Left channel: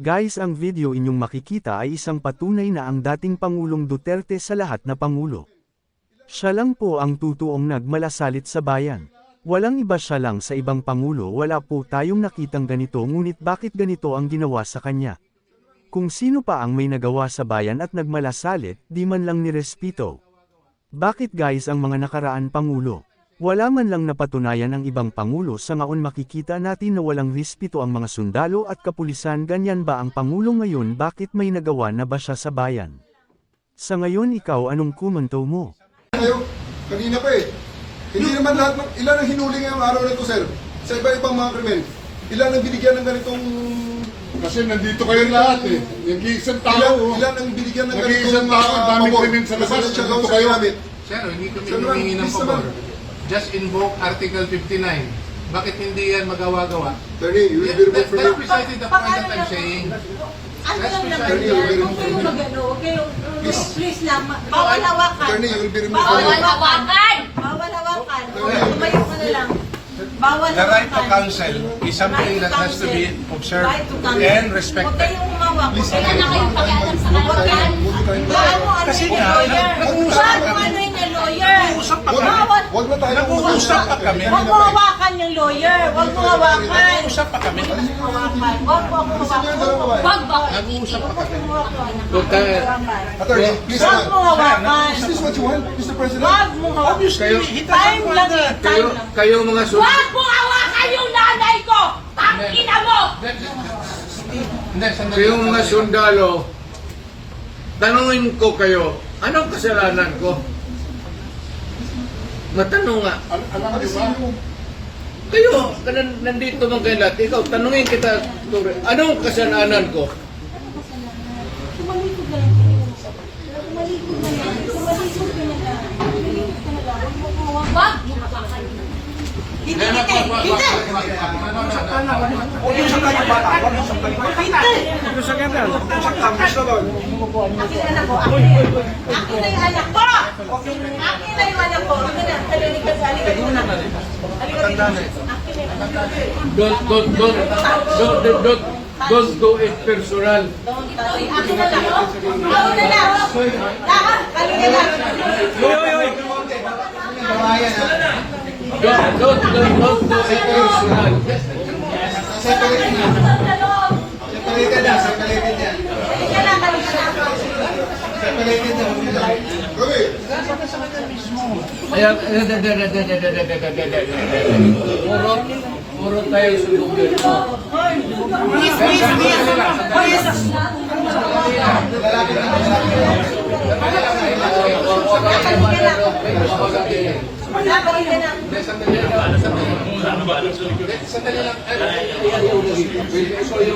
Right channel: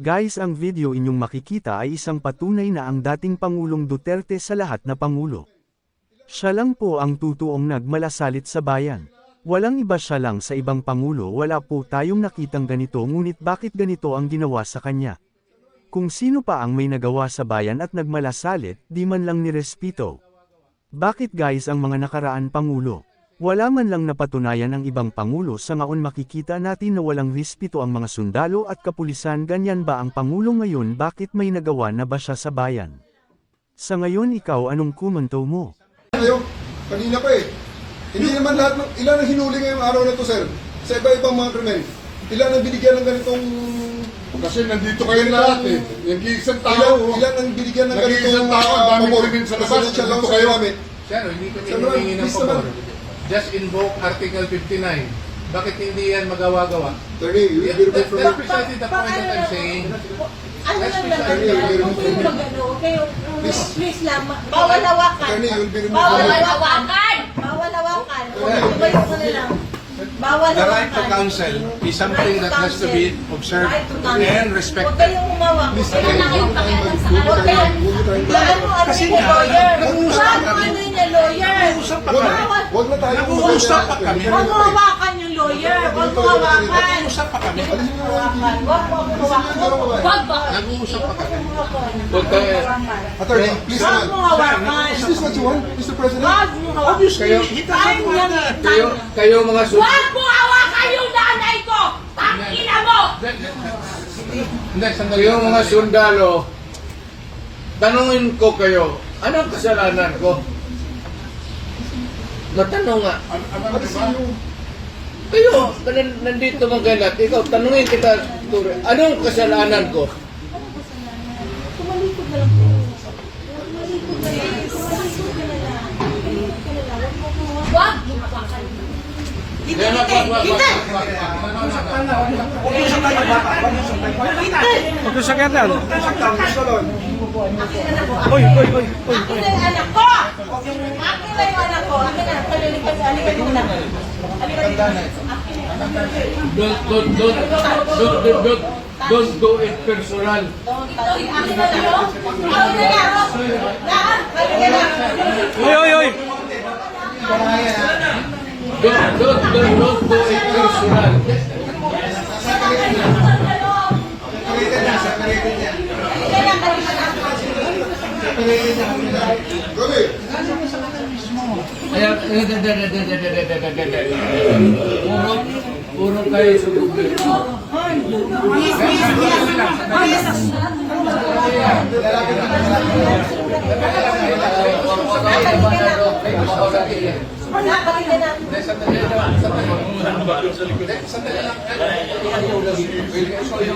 Guys ang video inyong makikita ay isang patunay na ang dating Pangulong Duterte sa lahat na Pangulo. Siya lang po ang tutuong nagmalasalit sa bayan. Walang iba siya lang sa ibang Pangulo wala po tayong nakitang ganito ngunit bakit ganito ang ginawa sa kanya. Kung sino pa ang may nagawa sa bayan at nagmalasalit, di man lang nirespito. Bakit guys ang mga nakaraan Pangulo? Wala man lang napatunayan ang ibang Pangulo sa ngaon makikita natin na walang respeto ang mga sundalo at kapulisan ganyan ba ang Pangulo ngayon bakit may nagawa na ba siya sa bayan? Sa ngayon ikaw anong komento mo? Kayo, kanina pa eh. Hindi naman lahat, ng- ilan ang hinuli ngayong araw na to, sir? Sa iba-ibang mga krimen. Ilan ang binigyan ng ganitong... Kasi nandito kayo lahat eh. Nag-iisang tao. Ilan, ilan ang binigyan ng Nag-iisang ganitong... tao, ah, ang daming krimen sa labas, nandito kayo. Sir, hindi kami humingi ng pabor. Just invoke Article 59. Bakit hindi yan magawa-gawa? Attorney, you will be That, removed from that's the... precisely the point that I'm saying. That's precisely the point. Huwag kayong, please lang, bawal hawakan. Attorney, you will be removed Bawal from the... hawakan! Bawal hawakan. Tumayo ka na lang. Bawal The right to hawakan. counsel is something that has to be observed and Huwag respected. kayong. Huwag Please, kayong nakipakialam sa Huwag kayong, bawal mo ano Kasi nga, lawyer. nag-uusap yung lawyer. Nag-uusap kami. Huwag na tayo Nag-uusap pa kami. Huwag mo hawakan yung lawyer. Huwag mo hawakan. Usap pa kami. Huwag mo hawakan. Huwag mo hawakan. Huwag ba? Nag-uusap pa kami. Attorney, please Huwag mo hawakan. Is this what you want, Mr. President? Huwag mo hawakan. Time lang eh. Kayo, kayo mga sul... Huwag mo hawakan yung nanay ko! Tangina mo! Kayo mga sundalo, tanungin ko kayo, anong kasalanan ko? Matanong nga. Al- alam niyo ba? Kayo, nan- nandito mga kayo lahat, ikaw, tanungin kita, Ture, anong kasalanan ko? Tumalikod na lang po. Tumalikod na lang. Tumalikod ka na lang. Tumalikod ka na lang. Huwag mo. Huwag mo hawakan. Hindi, hindi, hindi. Usap tayo bata. Usap tayo. Usap yan daw. Usap tayo. Gusto doon. Akin na po. Akin na yung anak ko! Akin na yung anak ko. Akin na. Halika halika muna. Halika dito. Na. Don't, don't, don't, don't, don't, don't, do it personal. Akin na lang. Akin na lang. Lahat. Halika na. Don't, don't, don't, don't do it personal. Na. Halika na. Puro, puro kayo sundugin. Halika na. Sandali lang. Sandali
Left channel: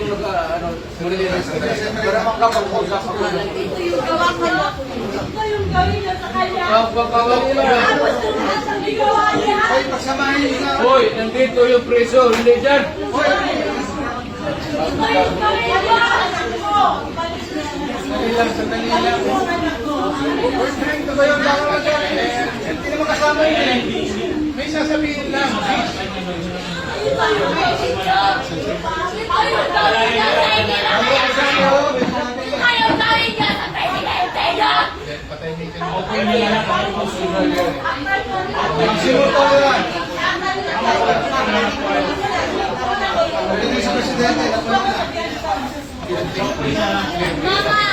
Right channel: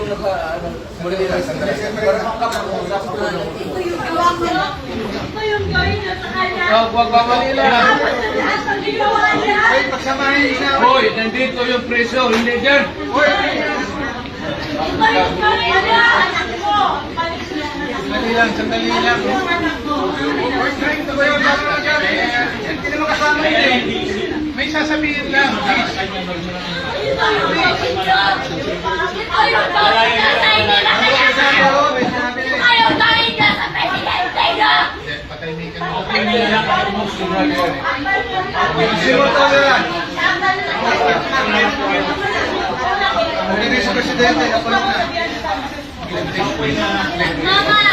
naka, ano, muli lang sandali. Para makapag-usap ako. Ito yung gawa mo. Yung gawin niya sa kanya. Wag, wag, wag, Manila. Lahat ng ginawa niya. Hoy, nandito yung preso, hindi dyan. Ito yung gawin niya. Anak mo. Sandali lang, sandali lang. Hindi naman kasama yun eh. May sasabihin lang. Ito yung gawin niya. Ito yung gawin niya sa inila kaya. Ito yung Mama,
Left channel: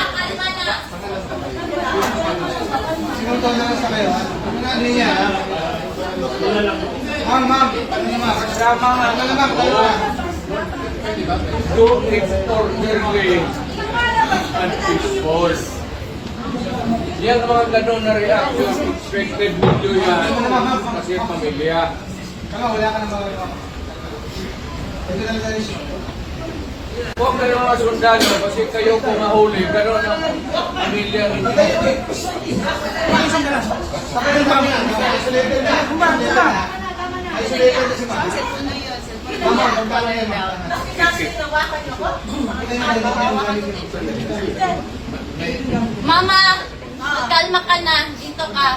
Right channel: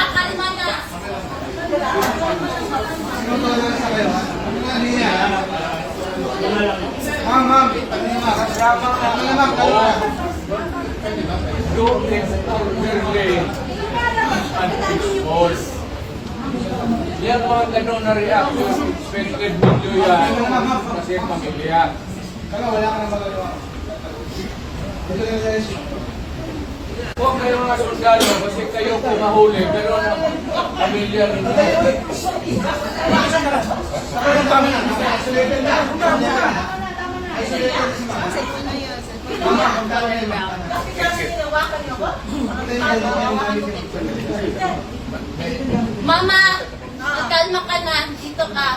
kalma na. Sinunod na sa kayo. Ano niya, ha? Ma'am, ma'am. Ano? Ano? Ano? Do it orderly and peaceful. Yan mga ganun na reaction. Expected video yan. Kasi pamilya. Wala, wala ka nang magagawa. Ito lang siya. Huwag kayo mga sundalo kasi kayo kung mahuli. Pero ang pamilya ninyo. Mama, kalma ka na. Dito ka.